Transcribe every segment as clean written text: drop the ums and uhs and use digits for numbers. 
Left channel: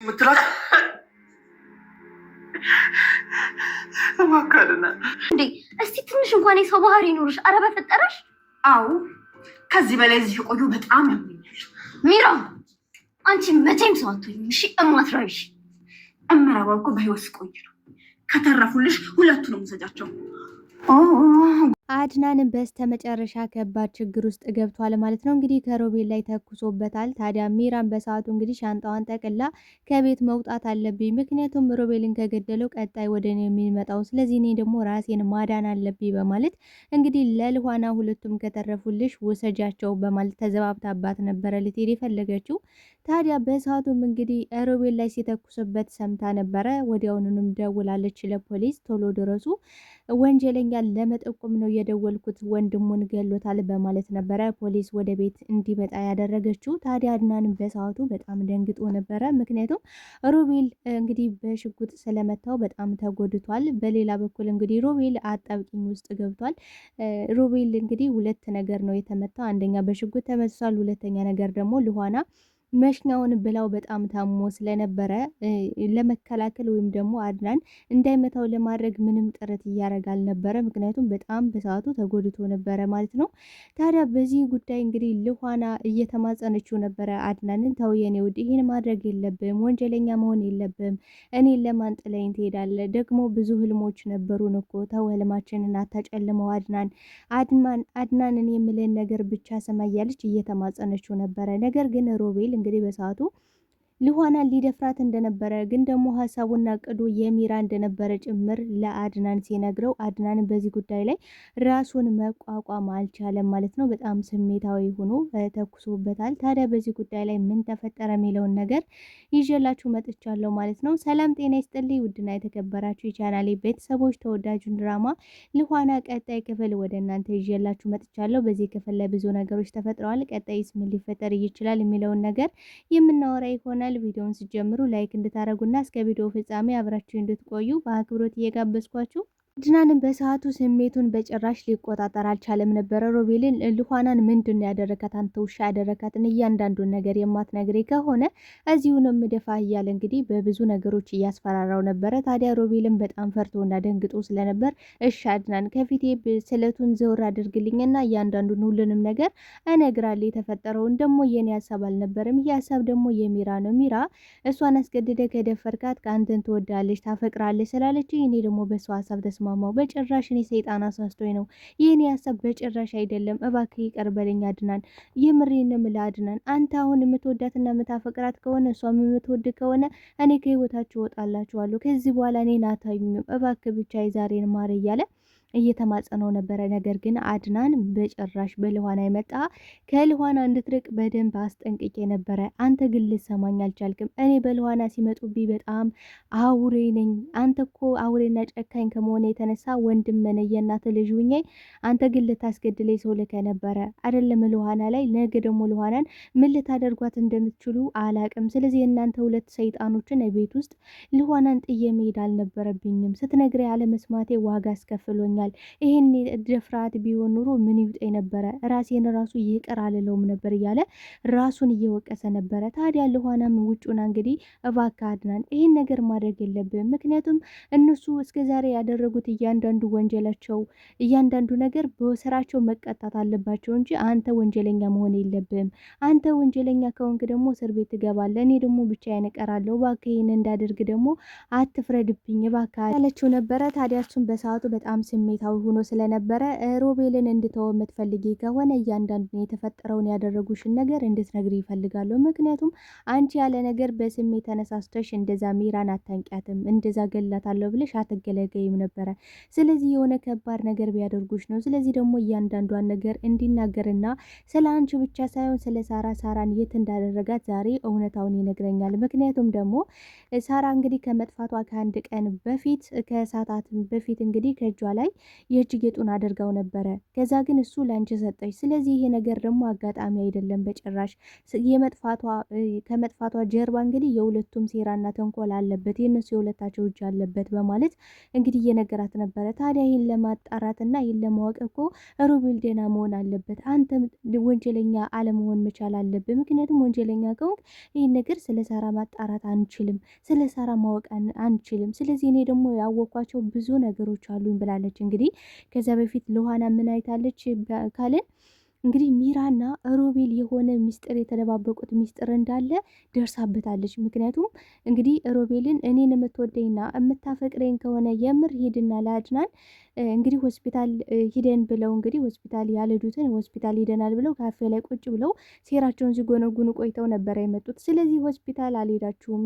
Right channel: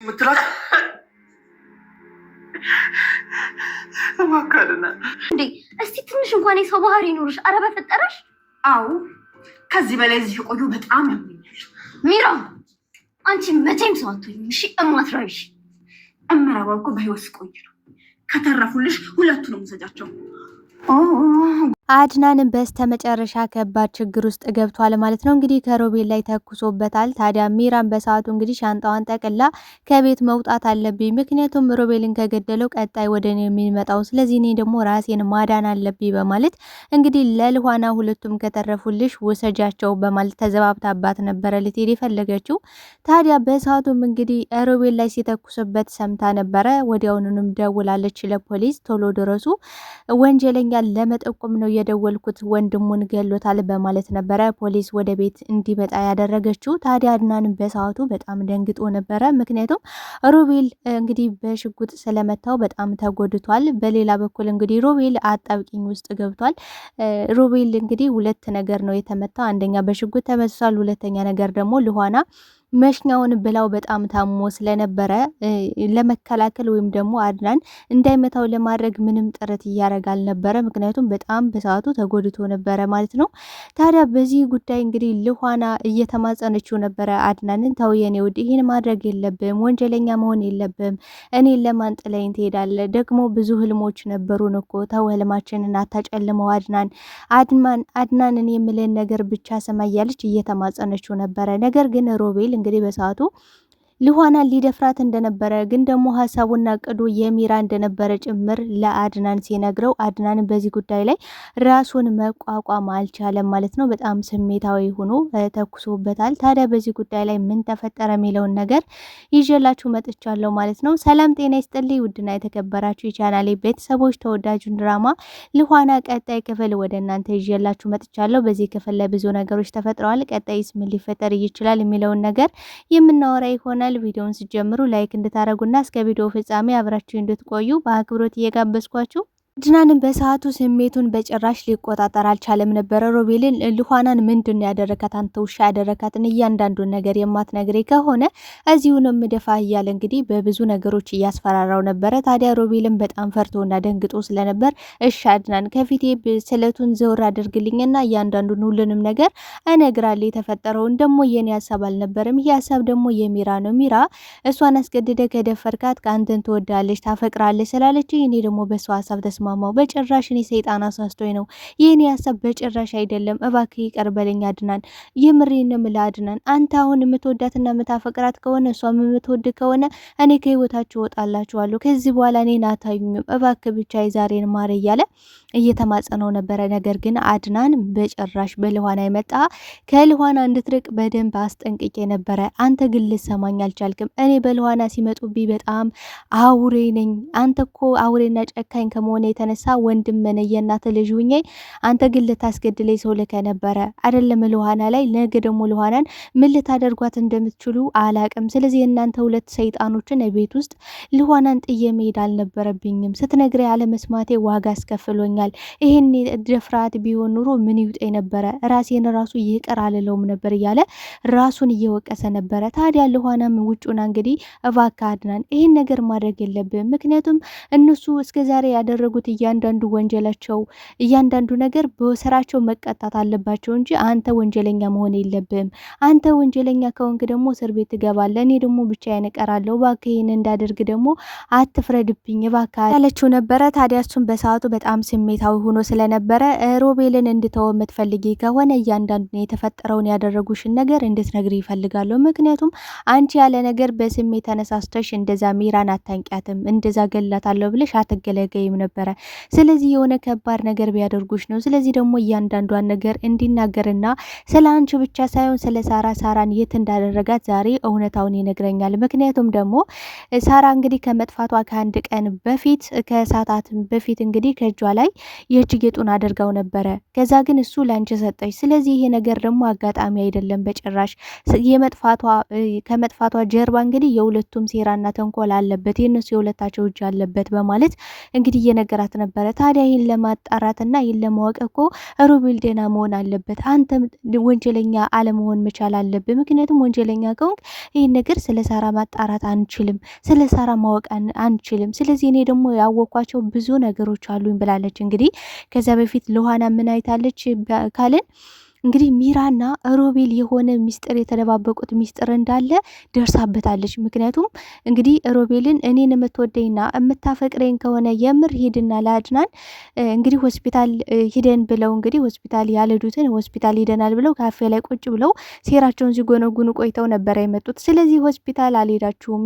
ምትላት እባክህና እንዴ እስቲ ትንሽ እንኳን የሰው ባህሪ ይኑርሽ። ኧረ በፈጠረሽ። አዎ ከዚህ በላይ እዚህ ቆዩ በጣም ያምኛል። ሚራ አንቺ መቼም ሰው አትሆኝም። እሺ እማትረቢሽ እምረባው እኮ በህይወት ቆይ ነው። ከተረፉልሽ ሁለቱንም ውሰጃቸው። አድናንም በስተመጨረሻ ከባድ ችግር ውስጥ ገብቷል ማለት ነው። እንግዲህ ከሮቤል ላይ ተኩሶበታል። ታዲያ ሚራን በሰዓቱ እንግዲህ ሻንጣዋን ጠቅላ ከቤት መውጣት አለብኝ፣ ምክንያቱም ሮቤልን ከገደለው ቀጣይ ወደ እኔ የሚመጣው፣ ስለዚህ እኔ ደግሞ ራሴን ማዳን አለብኝ በማለት እንግዲህ ለልኋና ሁለቱም ከተረፉልሽ ውሰጃቸው በማለት ተዘባብታባት ነበረ ልትሄድ የፈለገችው። ታዲያ በሰዓቱም እንግዲህ ሮቤል ላይ ሲተኩስበት ሰምታ ነበረ። ወዲያውኑንም ደውላለች ለፖሊስ፣ ቶሎ ድረሱ፣ ወንጀለኛ ለመጠቆም ነው የደወልኩት፣ ወንድሙን ገሎታል በማለት ነበረ ፖሊስ ወደ ቤት እንዲመጣ ያደረገችው። ታዲያ አድናንም በሰዓቱ በጣም ደንግጦ ነበረ። ምክንያቱም ሮቤል እንግዲህ በሽጉጥ ስለመታው በጣም ተጎድቷል። በሌላ በኩል እንግዲህ ሮቤል አጣብቂኝ ውስጥ ገብቷል። ሮቤል እንግዲህ ሁለት ነገር ነው የተመታው። አንደኛ በሽጉጥ ተመቷል፣ ሁለተኛ ነገር ደግሞ ልኋና መሽኛውን ብላው በጣም ታሞ ስለነበረ ለመከላከል ወይም ደግሞ አድናን እንዳይመታው ለማድረግ ምንም ጥረት እያደረገ አልነበረ። ምክንያቱም በጣም በሰዓቱ ተጎድቶ ነበረ ማለት ነው። ታዲያ በዚህ ጉዳይ እንግዲህ ልኋና እየተማጸነችው ነበረ አድናንን፣ ተው የኔ ውድ ይህን ማድረግ የለብም፣ ወንጀለኛ መሆን የለብም፣ እኔን ለማን ጥለኝ ትሄዳለ? ደግሞ ብዙ ህልሞች ነበሩን እኮ፣ ተው ህልማችንን አታጨልመው አድናንን የምልን ነገር ብቻ ስማ እያለች እየተማጸነችው ነበረ። ነገር ግን ሮቤል እንግዲህ በሰዓቱ ልኋናን ሊደፍራት እንደነበረ ግን ደግሞ ሀሳቡና እቅዱ የሚራ እንደነበረ ጭምር ለአድናን ሲነግረው አድናን በዚህ ጉዳይ ላይ ራሱን መቋቋም አልቻለም ማለት ነው። በጣም ስሜታዊ ሆኖ ተኩሶበታል። ታዲያ በዚህ ጉዳይ ላይ ምን ተፈጠረ የሚለውን ነገር ይዤላችሁ መጥቻለሁ ማለት ነው። ሰላም ጤና ይስጥልኝ ውድና የተከበራችሁ የቻናሌ ቤተሰቦች፣ ተወዳጁን ድራማ ልኋና ቀጣይ ክፍል ወደ እናንተ ይዤላችሁ መጥቻለሁ። በዚህ ክፍል ላይ ብዙ ነገሮች ተፈጥረዋል። ቀጣይስ ምን ሊፈጠር ይችላል የሚለውን ነገር የምናወራ ይሆናል። ቪዲዮውን ሲጀምሩ ላይክ እንድታረጉና እስከ ቪዲዮ ፍጻሜ አብራችሁ እንድትቆዩ በአክብሮት እየጋበዝኳችሁ አድናንም በሰዓቱ ስሜቱን በጭራሽ ሊቆጣጠር አልቻለም ነበረ። ሮቤልን ልኋናን ምንድን ያደረካት? አንተ ውሻ ያደረካትን እያንዳንዱን ነገር የማትነግሬ ከሆነ እዚሁንም ምደፋ እያለ እንግዲህ በብዙ ነገሮች እያስፈራራው ነበረ። ታዲያ ሮቤልን በጣም ፈርቶና ደንግጦ ስለነበር እሺ አድናን ከፊቴ ስለቱን ዘውር አድርግልኝና እያንዳንዱን ሁሉንም ነገር እነግራለሁ። የተፈጠረውን ደግሞ የኔ ሀሳብ አልነበረም፣ ይህ ሀሳብ ደግሞ የሚራ ነው። ሚራ እሷን አስገድደ ከደፈርካት ከአንተን ትወዳለች ታፈቅራለች ስላለች እኔ ደግሞ በሷ ሀሳብ ተስማ በጭራሽ እኔ ሰይጣን አሳስቶኝ ነው። ይህን ሀሳብ በጭራሽ አይደለም። እባክህ ይቅር በለኝ አድናን፣ የምሬን ነው የምልህ አድናን። አንተ አሁን የምትወዳትና የምታፈቅራት ከሆነ እሷም የምትወድ ከሆነ እኔ ከህይወታችሁ እወጣላችኋለሁ። ከዚህ በኋላ እኔን አታዩኝም። እባክህ ብቻ የዛሬን ማር እያለ እየተማጸነው ነበረ። ነገር ግን አድናን በጭራሽ በልኋና የመጣ ከልኋና እንድትርቅ በደንብ አስጠንቅቄ ነበረ። አንተ ግን ልሰማኝ አልቻልክም። እኔ በልኋና ሲመጡብኝ በጣም አውሬ ነኝ። አንተ እኮ አውሬና ጨካኝ ከመሆነ የተነሳ ወንድም ነኝ የእናት ልጅ ሁኜ፣ አንተ ግን ልታስገድለኝ ሰው ልከ ነበረ አይደለም ልኋና ላይ። ነገ ደግሞ ልኋናን ምን ልታደርጓት እንደምትችሉ አላቅም። ስለዚህ የእናንተ ሁለት ሰይጣኖችን ቤት ውስጥ ልኋናን ጥዬ መሄድ አልነበረብኝም። ስትነግረ ያለመስማቴ ዋጋ አስከፍሎኛል። ይሄን ድፍራት ቢሆን ኑሮ ምን ይውጠኝ ነበረ? ራሴን ራሱ ይቅር አልለውም ነበር እያለ ራሱን እየወቀሰ ነበረ። ታዲያ ልኋናም ውጩና እንግዲህ እባክህ አድናን ይሄን ነገር ማድረግ የለብም፣ ምክንያቱም እነሱ እስከዛሬ ያደረጉት እያንዳንዱ ወንጀላቸው እያንዳንዱ ነገር በስራቸው መቀጣት አለባቸው እንጂ አንተ ወንጀለኛ መሆን የለብም። አንተ ወንጀለኛ ከሆንክ ደግሞ እስር ቤት ትገባለህ፣ እኔ ደግሞ ብቻዬን እቀራለሁ። እባክህ ይህን እንዳደርግ ደግሞ አትፍረድብኝ እባክህ ያለችው ነበረ። ታዲያ እሱም በሰዓቱ በጣም ስሜታዊ ሆኖ ስለነበረ ሮቤልን እንድተው የምትፈልጊ ከሆነ እያንዳንዱን የተፈጠረውን ያደረጉሽን ነገር እንድትነግሪ ይፈልጋለሁ። ምክንያቱም አንቺ ያለ ነገር በስሜት ተነሳስተሽ እንደዛ ሚራን አታንቂያትም፣ እንደዛ ገላታለሁ ብለሽ አትገለገይም ነበረ። ስለዚህ የሆነ ከባድ ነገር ቢያደርጉሽ ነው። ስለዚህ ደግሞ እያንዳንዷን ነገር እንዲናገርና ስለ አንቺ ብቻ ሳይሆን ስለ ሳራን የት እንዳደረጋት ዛሬ እውነታውን ይነግረኛል። ምክንያቱም ደግሞ ሳራ እንግዲህ ከመጥፋቷ ከአንድ ቀን በፊት ከሰዓታት በፊት እንግዲህ ከእጇ ላይ የእጅ ጌጡን አድርጋው ነበረ። ከዛ ግን እሱ ላንቺ ሰጠች። ስለዚህ ይሄ ነገር ደግሞ አጋጣሚ አይደለም በጭራሽ። ከመጥፋቷ ጀርባ እንግዲህ የሁለቱም ሴራና ተንኮል አለበት፣ የእነሱ የሁለታቸው እጅ አለበት በማለት እንግዲህ እየነገራት ነበረ። ታዲያ ይህን ለማጣራትና ይህን ለማወቅ እኮ ሮቤል ደህና መሆን አለበት፣ አንተም ወንጀለኛ አለመሆን መቻል አለብህ። ምክንያቱም ወንጀለኛ ከሆንክ ይህን ነገር ስለ ሳራ ማጣራት አንችልም፣ ስለ ሳራ ማወቅ አንችልም። ስለዚህ እኔ ደግሞ ያወኳቸው ብዙ ነገሮች አሉኝ ብላለች። እንግዲህ ከዛ በፊት ለውሃና ምን አይታለች ካልን እንግዲህ ሚራና ሮቤል የሆነ ሚስጥር የተደባበቁት ሚስጥር እንዳለ ደርሳበታለች። ምክንያቱም እንግዲህ ሮቤልን እኔን የምትወደኝና የምታፈቅረኝ ከሆነ የምር ሂድና ለአድናን እንግዲህ ሆስፒታል ሂደን ብለው እንግዲህ ሆስፒታል ያልሄዱትን ሆስፒታል ሂደናል ብለው ካፌ ላይ ቁጭ ብለው ሴራቸውን ሲጎነጉኑ ቆይተው ነበረ የመጡት። ስለዚህ ሆስፒታል አልሄዳችሁም፣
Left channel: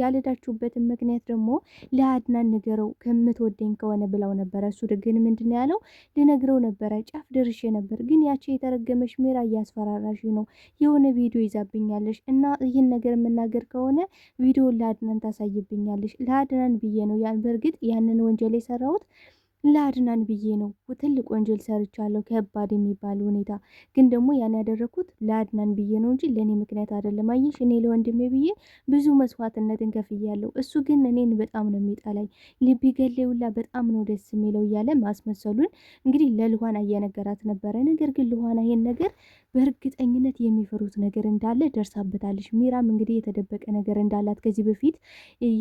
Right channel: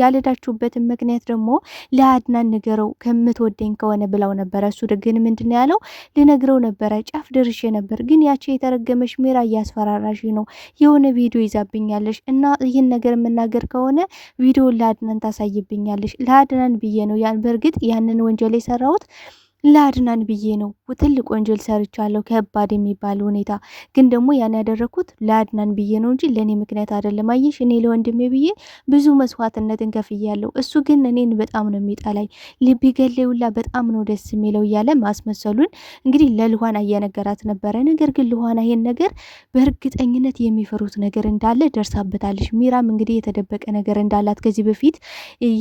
ያልሄዳችሁበትን ምክንያት ደግሞ ለአድናን ንገረው ከምትወደኝ ከሆነ ብለው ነበረ። እሱ ግን ምንድን ያለው ልነግረው ነበረ፣ ጫፍ ደርሼ ነበር ግን ያቺ የተረገመች ሜራ እያስፈራራሽ ነው፣ የሆነ ቪዲዮ ይዛብኛለሽ እና ይህን ነገር የምናገር ከሆነ ቪዲዮን ለአድናን ታሳይብኛለሽ። ለአድናን ብዬ ነው በእርግጥ ያንን ወንጀል የሰራሁት ለአድናን ብዬ ነው። ትልቅ ወንጀል ሰርቻለሁ፣ ከባድ የሚባል ሁኔታ። ግን ደግሞ ያን ያደረኩት ለአድናን ብዬ ነው እንጂ ለእኔ ምክንያት አይደለም። አየሽ እኔ ለወንድሜ ብዬ ብዙ መስዋዕትነትን ከፍያለሁ። እሱ ግን እኔን በጣም ነው የሚጠላኝ፣ ልብ ገለውላ በጣም ነው ደስ የሚለው እያለ ማስመሰሉን እንግዲህ ለልኋና እየነገራት ነበረ። ነገር ግን ልኋና ይሄን ነገር በእርግጠኝነት የሚፈሩት ነገር እንዳለ ደርሳበታለች። ሚራም እንግዲህ የተደበቀ ነገር እንዳላት ከዚህ በፊት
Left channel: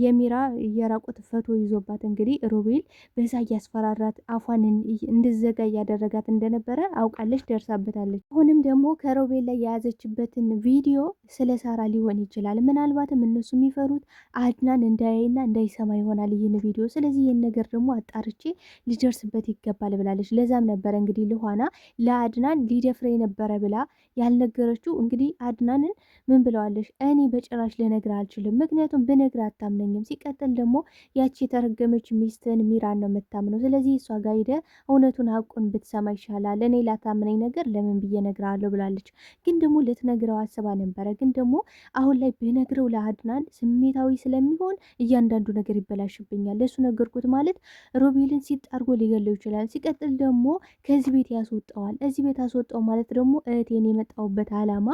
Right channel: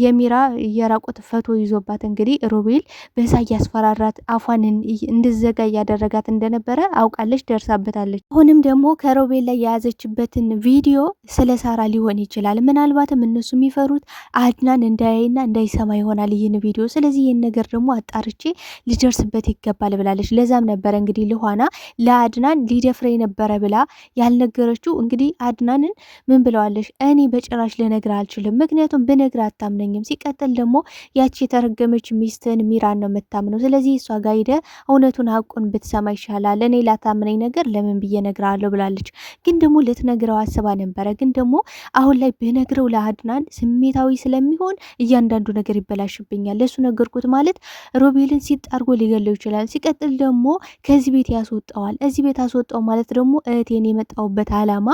የሚራ የራቆት ፈቶ ይዞባት እንግዲህ ሮቤል በዛ እያስፈራ ራት አፏን እንድዘጋ እያደረጋት እንደነበረ አውቃለች፣ ደርሳበታለች። አሁንም ደግሞ ከሮቤል ላይ የያዘችበትን ቪዲዮ ስለ ሳራ ሊሆን ይችላል። ምናልባትም እነሱ የሚፈሩት አድናን እንዳያይና እንዳይሰማ ይሆናል ይህን ቪዲዮ። ስለዚህ ይህን ነገር ደግሞ አጣርቼ ሊደርስበት ይገባል ብላለች። ለዛም ነበረ እንግዲህ ልኋና ለአድናን ሊደፍረ ነበረ ብላ ያልነገረችው። እንግዲህ አድናንን ምን ብለዋለች? እኔ በጭራሽ ልነግር አልችልም፣ ምክንያቱም ብነግር አታምነኝም። ሲቀጥል ደግሞ ያቺ የተረገመች ሚስትን ሚራን ነው የምታምነው። ስለዚህ እሷ ጋር ሄደ እውነቱን ሀቁን ብትሰማ ይሻላል፣ እኔ ላታምነኝ ነገር ለምን ብዬ ነግረዋለሁ ብላለች። ግን ደግሞ ልትነግረው አስባ ነበረ። ግን ደግሞ አሁን ላይ ብነግረው ለአድናን ስሜታዊ ስለሚሆን እያንዳንዱ ነገር ይበላሽብኛል። ለሱ ነገርኩት ማለት ሮቤልን ሲጣርጎ ሊገለው ይችላል። ሲቀጥል ደግሞ ከዚህ ቤት ያስወጣዋል። እዚህ ቤት አስወጣው ማለት ደግሞ እህቴን የመጣውበት አላማ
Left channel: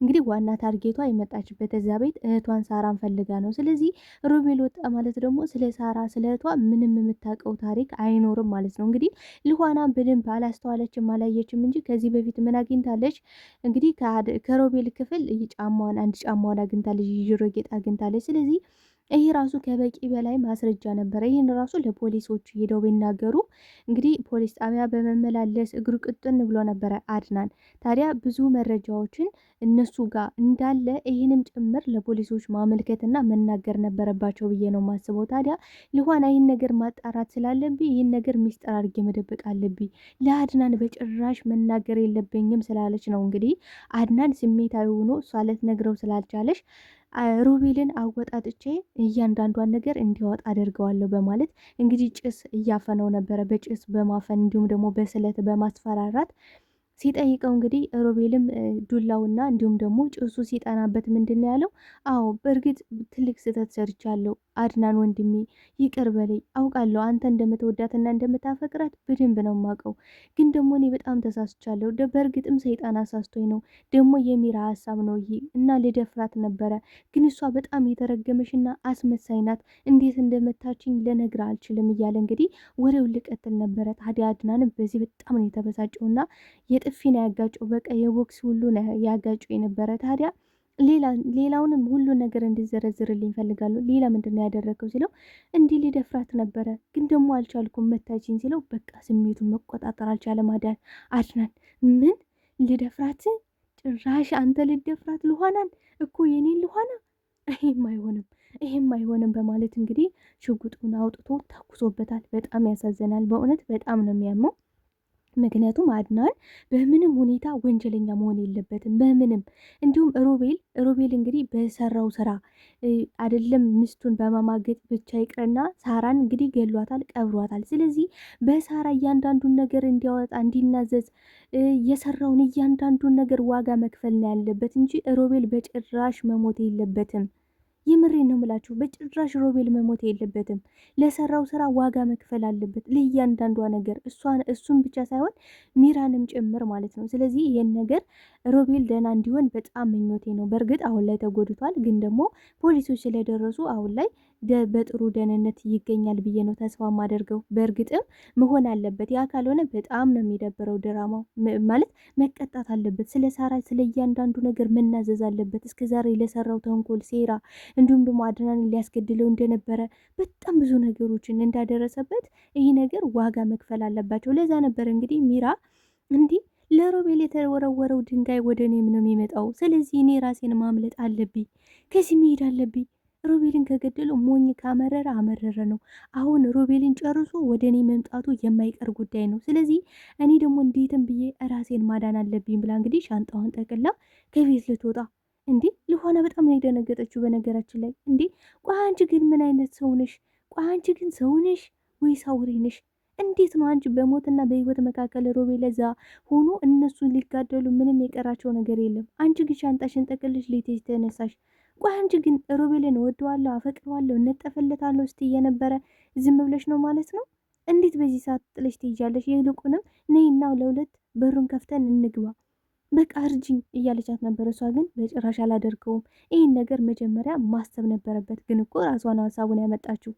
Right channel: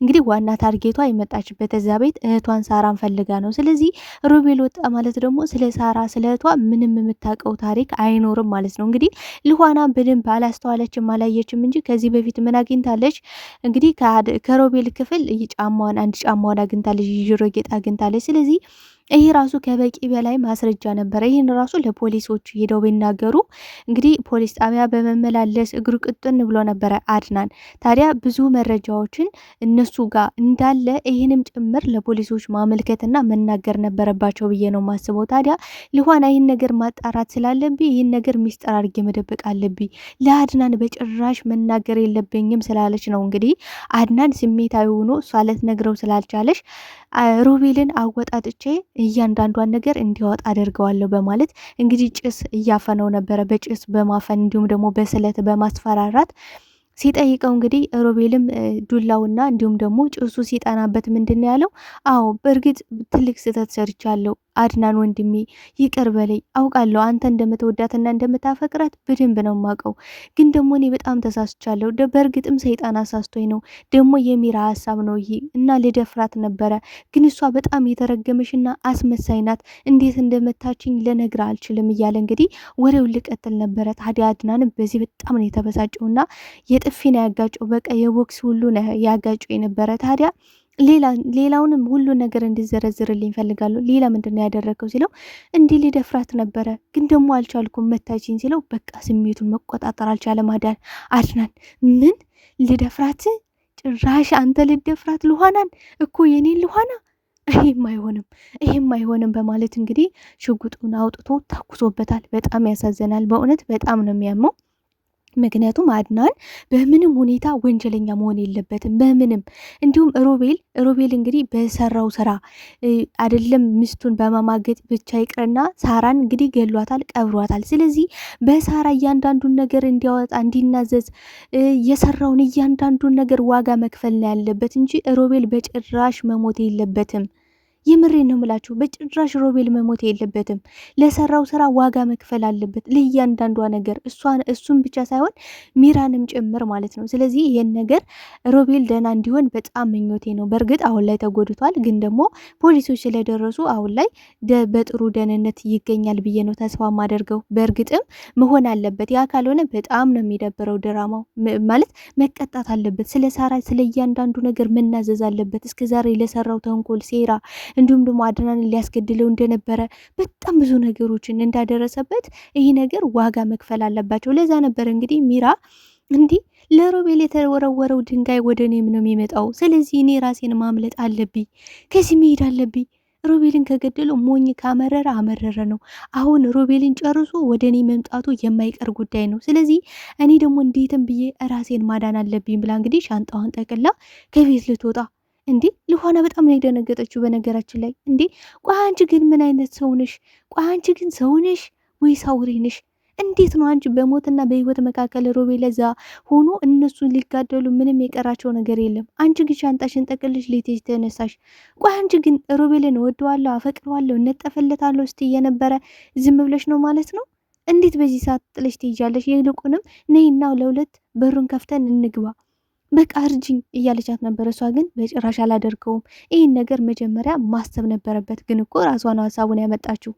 እንግዲህ ዋና ታርጌቷ የመጣችበት እዛ ቤት እህቷን ሳራን ፈልጋ ነው። ስለዚህ ሮቤል ወጣ ማለት ደግሞ ስለ ሳራ ስለ እህቷ ምንም የምታውቀው ታሪክ አይኖርም ማለት ነው። እንግዲህ ልኋና በደንብ አላስተዋለችም አላየችም እንጂ ከዚህ በፊት ምን አግኝታለች? እንግዲህ ከሮቤል ክፍል አንድ ጫማዋን አግኝታለች፣ የጆሮ ጌጥ አግኝታለች። ስለዚህ ይሄ ራሱ ከበቂ በላይ ማስረጃ ነበረ። ይህን ራሱ ለፖሊሶች ሄደው ቢናገሩ እንግዲህ ፖሊስ ጣቢያ በመመላለስ እግሩ ቅጥን ብሎ ነበረ አድናን። ታዲያ ብዙ መረጃዎችን እነሱ ጋር እንዳለ ይህንም ጭምር ለፖሊሶች ማመልከትና መናገር ነበረባቸው ብዬ ነው ማስበው። ታዲያ ልኋና ይህን ነገር ማጣራት ስላለብኝ ይህን ነገር ሚስጥር አድርጌ መደበቅ አለብኝ፣ ለአድናን በጭራሽ መናገር የለብኝም ስላለች ነው እንግዲህ አድናን ስሜታዊ ሆኖ እሷ ልትነግረው ስላልቻለች ሮቤልን አወጣጥቼ እያንዳንዷን ነገር እንዲያወጣ አደርገዋለሁ በማለት እንግዲህ ጭስ እያፈነው ነበረ። በጭስ በማፈን እንዲሁም ደግሞ በስለት በማስፈራራት ሲጠይቀው እንግዲህ ሮቤልም ዱላውና እንዲሁም ደግሞ ጭሱ ሲጠናበት ምንድን ያለው? አዎ በእርግጥ ትልቅ ስህተት ሰርቻለሁ አድናን ወንድሜ ይቅር በለኝ። አውቃለሁ አንተ እንደምትወዳትና እንደምታፈቅራት በደንብ ነው የማውቀው። ግን ደግሞ እኔ በጣም ተሳስቻለሁ። በእርግጥም ሰይጣን አሳስቶኝ ነው። ደግሞ የሚራ ሀሳብ ነው ይሄ እና ልደፍራት ነበረ። ግን እሷ በጣም የተረገመሽና አስመሳይ ናት። እንዴት እንደመታችኝ ልነግርህ አልችልም እያለ እንግዲህ ወሬው ልቀጥል ነበረ። ታዲያ አድናንም በዚህ በጣም ነው የተበሳጨውና የጥፊ ነው ያጋጨው። በቃ የቦክስ ሁሉ ነው ያጋጨው የነበረ። ታዲያ ሌላውንም ሁሉ ነገር እንዲዘረዝርልኝ ፈልጋለሁ። ሌላ ምንድን ነው ያደረገው ሲለው እንዲህ ሊደፍራት ነበረ ግን ደግሞ አልቻልኩም መታችኝ ሲለው በቃ ስሜቱን መቆጣጠር አልቻለም። አድናን ምን ልደፍራት? ጭራሽ አንተ ልደፍራት ልኋናን እኮ የኔን ልኋና ይሄም አይሆንም በማለት እንግዲህ ሽጉጡን አውጥቶ ተኩሶበታል። በጣም ያሳዝናል። በእውነት በጣም ነው የሚያመው። ምክንያቱም አድናን በምንም ሁኔታ ወንጀለኛ መሆን የለበትም በምንም። እንዲሁም ሮቤል እንግዲህ በሰራው ስራ አይደለም ሚስቱን በማማገጥ ብቻ ይቅርና ሳራን እንግዲህ ገሏታል፣ ቀብሯታል። ስለዚህ በሳራ እያንዳንዱን ነገር እንዲያወጣ እንዲናዘዝ የሰራውን እያንዳንዱን ነገር ዋጋ መክፈል ነው ያለበት እንጂ ሮቤል በጭራሽ መሞት የለበትም። የምሬን ነው የምላችሁ። በጭራሽ ሮቤል መሞት የለበትም። ለሰራው ስራ ዋጋ መክፈል አለበት ለእያንዳንዷ ነገር፣ እሱን ብቻ ሳይሆን ሚራንም ጭምር ማለት ነው። ስለዚህ ይህን ነገር ሮቤል ደህና እንዲሆን በጣም ምኞቴ ነው። በእርግጥ አሁን ላይ ተጎድቷል፣ ግን ደግሞ ፖሊሶች ስለደረሱ አሁን ላይ በጥሩ ደህንነት ይገኛል ብዬ ነው ተስፋ ማደርገው። በእርግጥም መሆን አለበት። ያ ካልሆነ በጣም ነው የሚደብረው ድራማው ማለት መቀጣት አለበት። ስለ ሳራ ስለ እያንዳንዱ ነገር መናዘዝ አለበት። እስከዛሬ ለሰራው ተንኮል ሴራ እንዲሁም ደግሞ አድናንን ሊያስገድለው እንደነበረ በጣም ብዙ ነገሮችን እንዳደረሰበት ይህ ነገር ዋጋ መክፈል አለባቸው። ለዛ ነበር እንግዲህ ሚራ እንዲህ ለሮቤል የተወረወረው ድንጋይ ወደ እኔም ነው የሚመጣው። ስለዚህ እኔ ራሴን ማምለጥ አለብኝ፣ ከዚህ መሄድ አለብኝ። ሮቤልን ከገደለው ሞኝ ካመረረ አመረረ ነው። አሁን ሮቤልን ጨርሶ ወደ እኔ መምጣቱ የማይቀር ጉዳይ ነው። ስለዚህ እኔ ደግሞ እንዴትም ብዬ ራሴን ማዳን አለብኝ ብላ እንግዲህ ሻንጣዋን ጠቅላ ከቤት ልትወጣ እንዴ ልኋና በጣም ነው የደነገጠችው። በነገራችን ላይ እንዴ ቆይ አንቺ ግን ምን አይነት ሰው ነሽ? ቆይ አንቺ ግን ሰው ነሽ ወይስ አውሬ ነሽ? እንዴት ነው አንቺ በሞትና በህይወት መካከል ሮቤል ለዛ ሆኖ እነሱን ሊጋደሉ ምንም የቀራቸው ነገር የለም። አንቺ ግን ሻንጣሽን ጠቅልሽ ልትሄጂ ተነሳሽ። ቆይ አንቺ ግን ሮቤልን እወደዋለሁ፣ አፈቅረዋለሁ፣ እነጠፈለታለሁ እስቲ የነበረ ዝም ብለሽ ነው ማለት ነው? እንዴት በዚህ ሰዓት ጥለሽ ትሄጃለሽ? ይልቁንም ነይና ለሁለት በሩን ከፍተን እንግባ በቃ እርጅኝ እያለቻት ነበር። እሷ ግን በጭራሽ አላደርገውም። ይህን ነገር መጀመሪያ ማሰብ ነበረበት። ግን እኮ ራሷ ነው ሀሳቡን ያመጣችው።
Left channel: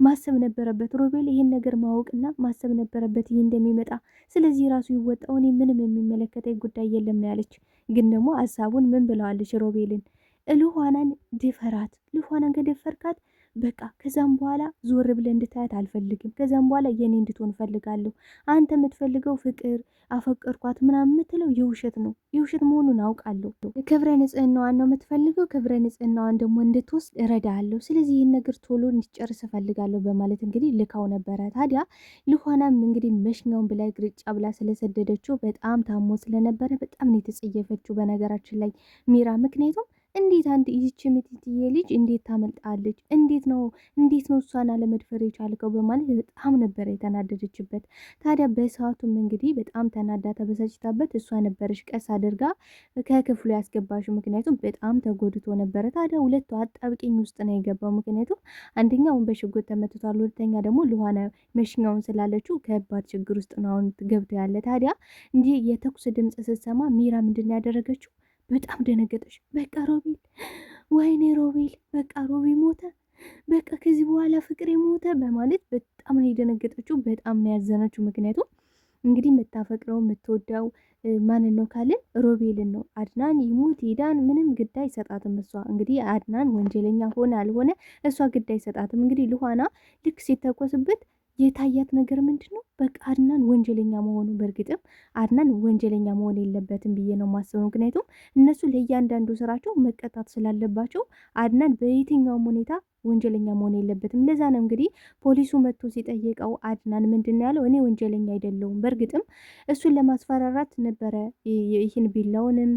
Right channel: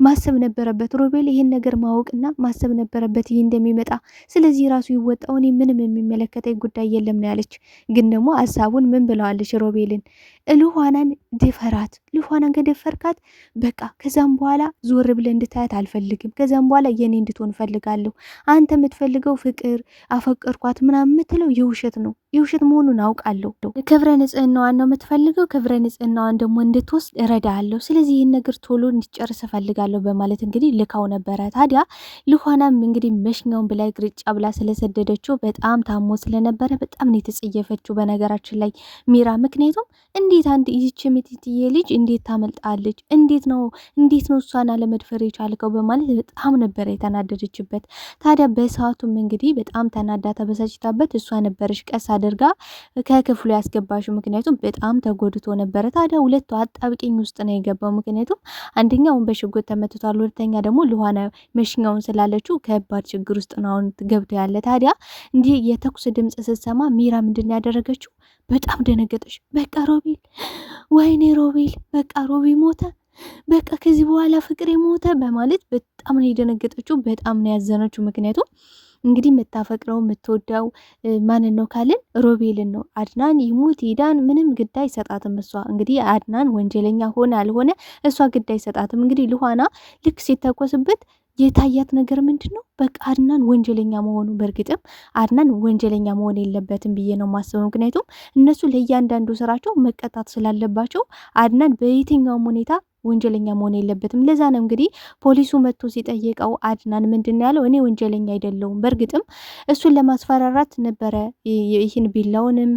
ማሰብ ነበረበት ሮቤል ይህን ነገር ማወቅና ማሰብ ነበረበት ይህ እንደሚመጣ። ስለዚህ ራሱ ይወጣው፣ እኔ ምንም የሚመለከተኝ ጉዳይ የለም ነው ያለች። ግን ደግሞ ሀሳቡን ምን ብለዋለች ሮቤልን ልኋናን ድፈራት። ልኋናን ከደፈርካት በቃ ከዛም በኋላ ዞር ብለህ እንድታያት አልፈልግም። ከዛም በኋላ የኔ እንድትሆን ፈልጋለሁ። አንተ የምትፈልገው ፍቅር አፈቀርኳት ምናምን የምትለው የውሸት ነው። የውሸት መሆኑን አውቃለሁ። ክብረ ንጽህናዋን ነው የምትፈልገው። ክብረ ንጽህናዋን ደግሞ እንድትወስድ እረዳለሁ። ስለዚህ ይህን ነገር ቶሎ እንድጨርስ እፈልጋለሁ በማለት እንግዲህ ልካው ነበረ። ታዲያ ልኋናም እንግዲህ መሽኛውን ብላ ግርጫ ብላ ስለሰደደችው በጣም ታሞ ስለነበረ በጣም ነው የተጸየፈችው በነገራችን ላይ ሚራ። ምክንያቱም እንዴት አንድ ይህች የምትትዬ ልጅ እንዴት ታመልጣለች? እንዴት ነው እሷን አለመድፈር የቻልከው? በማለት በጣም ነበረ የተናደደችበት። ታዲያ በሰዓቱም እንግዲህ በጣም ተናዳ ተበሳጭታበት እሷ ነበረች ቀስ አድርጋ ከክፍሉ ያስገባሽው። ምክንያቱም በጣም ተጎድቶ ነበረ። ታዲያ ሁለቱ አጣብቂኝ ውስጥ ነው የገባው። ምክንያቱም አንደኛውን በሽጉጥ ተመትቷል፣ ሁለተኛ ደግሞ ልኋና መሽኛውን ስላለችው ከባድ ችግር ውስጥ ነው አሁን ገብቶ ያለ። ታዲያ እንዲህ የተኩስ ድምፅ ስትሰማ ሚራ ምንድን ያደረገችው? በጣም ደነገጠች። በቃ ሮቤል፣ ወይኔ ሮቤል፣ በቃ ሮቢ ሞተ፣ በቃ ከዚህ በኋላ ፍቅሬ ሞተ በማለት በጣም ነው የደነገጠችው። በጣም ነው ያዘነችው። ምክንያቱም እንግዲህ የምታፈቅረው የምትወደው ማንን ነው ካልን ሮቤልን ነው። አድናን ይሙት ይዳን ምንም ግድ አይሰጣትም። እሷ እንግዲህ አድናን ወንጀለኛ ሆነ አልሆነ እሷ ግድ አይሰጣትም። እንግዲህ ልኋና ልክ ሲተኮስበት የታያት ነገር ምንድን ነው? በቃ አድናን ወንጀለኛ መሆኑ። በእርግጥም አድናን ወንጀለኛ መሆን የለበትም ብዬ ነው ማስበው። ምክንያቱም እነሱ ለእያንዳንዱ ስራቸው መቀጣት ስላለባቸው አድናን በየትኛውም ሁኔታ ወንጀለኛ መሆን የለበትም። ለዛ ነው እንግዲህ ፖሊሱ መጥቶ ሲጠየቀው አድናን ምንድን ያለው እኔ ወንጀለኛ አይደለሁም፣ በእርግጥም እሱን ለማስፈራራት ነበረ ይህን ቢላውንም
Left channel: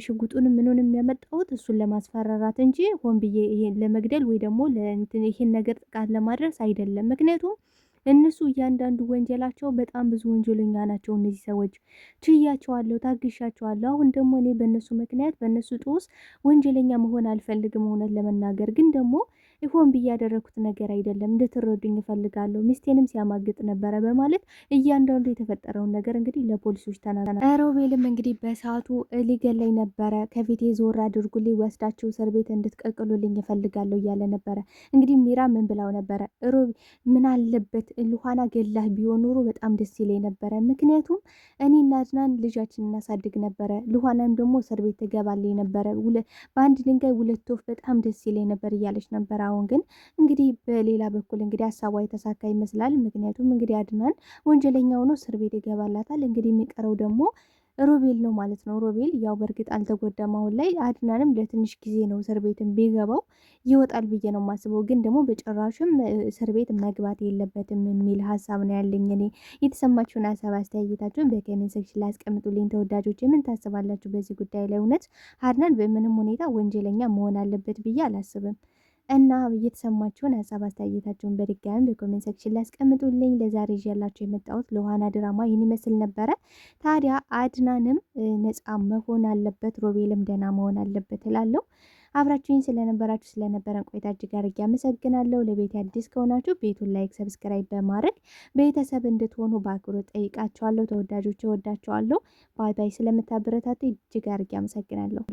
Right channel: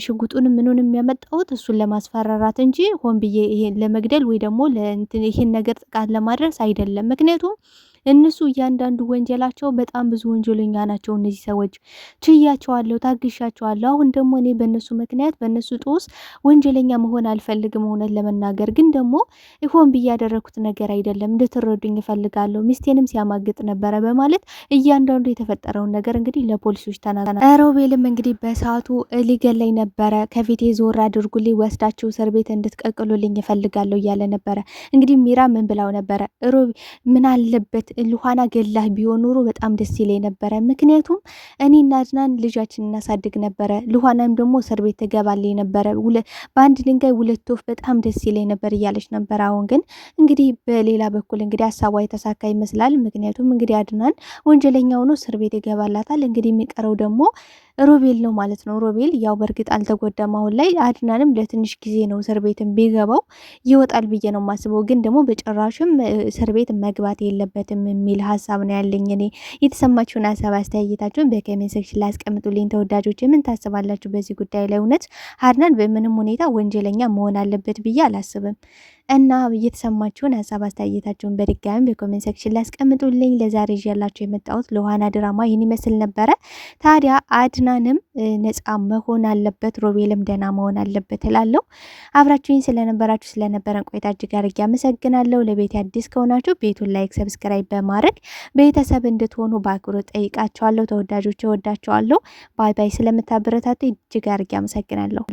ሽጉጡንም ምኑንም ያመጣሁት እሱን ለማስፈራራት እንጂ ሆን ብዬ ይሄን ለመግደል ወይ ደግሞ ይህን ነገር ጥቃት ለማድረስ አይደለም። ምክንያቱም እነሱ እያንዳንዱ ወንጀላቸው በጣም ብዙ ወንጀለኛ ናቸው። እነዚህ ሰዎች ችያቸዋለሁ፣ ታግሻቸዋለሁ። አሁን ደግሞ እኔ በእነሱ ምክንያት በእነሱ ጦስ ወንጀለኛ መሆን አልፈልግም። እውነት ለመናገር ግን ደግሞ ሆን ብዬ ያደረኩት ነገር አይደለም፣ እንድትረዱኝ እፈልጋለሁ። ሚስቴንም ሲያማግጥ ነበረ በማለት እያንዳንዱ የተፈጠረውን ነገር እንግዲህ ለፖሊሶች ተናግረዋል። ሮቤልም እንግዲህ በሰዓቱ ሊገለኝ ነበረ፣ ከፊቴ ዞር አድርጉልኝ፣ ወስዳችሁ እስር ቤት እንድትቀቅሉልኝ እፈልጋለሁ እያለ ነበረ። እንግዲህ ሚራ ምን ብላው ነበረ? ምን አለበት ልኋና ገላህ ቢሆን ኖሮ በጣም ደስ ይለኝ ነበረ። ምክንያቱም እኔና አድናን ልጃችን እናሳድግ ነበረ፣ ልኋናም ደግሞ እስር ቤት ትገባልኝ ነበረ። በአንድ ድንጋይ ሁለት ወፍ በጣም ደስ ይለኝ ነበር እያለች ነበር። አሁን ግን እንግዲህ በሌላ በኩል እንግዲህ ሀሳቧ የተሳካ ይመስላል። ምክንያቱም እንግዲህ አድናን ወንጀለኛ ሆኖ እስር ቤት ይገባላታል። እንግዲህ የሚቀረው ደግሞ ሮቤል ነው ማለት ነው። ሮቤል ያው በእርግጥ አልተጎዳም አሁን ላይ። አድናንም ለትንሽ ጊዜ ነው እስር ቤትን ቢገባው ይወጣል ብዬ ነው የማስበው። ግን ደግሞ በጭራሽም እስር ቤት መግባት የለበትም የሚል ሀሳብ ነው ያለኝ እኔ። የተሰማችሁን ሀሳብ አስተያየታችሁን በኮሜንት ሴክሽን ላይ አስቀምጡልኝ ተወዳጆች። ምን ታስባላችሁ በዚህ ጉዳይ ላይ? እውነት አድናን በምንም ሁኔታ ወንጀለኛ መሆን አለበት ብዬ አላስብም። እና እየተሰማችሁን ሀሳብ አስተያየታችሁን በድጋሚ በኮሜንት ሴክሽን ላይ አስቀምጡልኝ። ለዛሬ ይዤላችሁ የመጣሁት ለዮሃና ድራማ ይህን ይመስል ነበረ። ታዲያ አድናንም ነፃ መሆን አለበት፣ ሮቤልም ደህና መሆን አለበት እላለሁ። አብራችሁኝ ስለነበረን ቆይታ እጅግ አድርጌ አመሰግናለሁ። ለቤት አዲስ ከሆናችሁ ቤቱን ላይክ፣ ሰብስክራይብ በማድረግ ቤተሰብ እንድትሆኑ በአክብሮት ጠይቃችኋለሁ። ተወዳጆች እወዳችኋለሁ። ባይ ባይ። ስለምታበረታቱ እጅግ አድርጌ አመሰግናለሁ።